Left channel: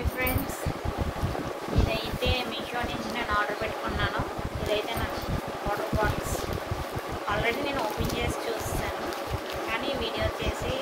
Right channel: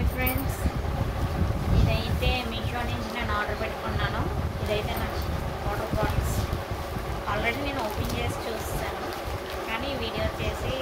Hi friends, ఇదైతే మీషో నుంచి నేను ఆర్డర్ పెట్టుకున్నాను. ఇదైతే నా వాటర్ బాటిల్స్. ఆల్రెడీ నేను ఓపెన్ చేసి చూస్తాను, కానీ వీడియో చేసి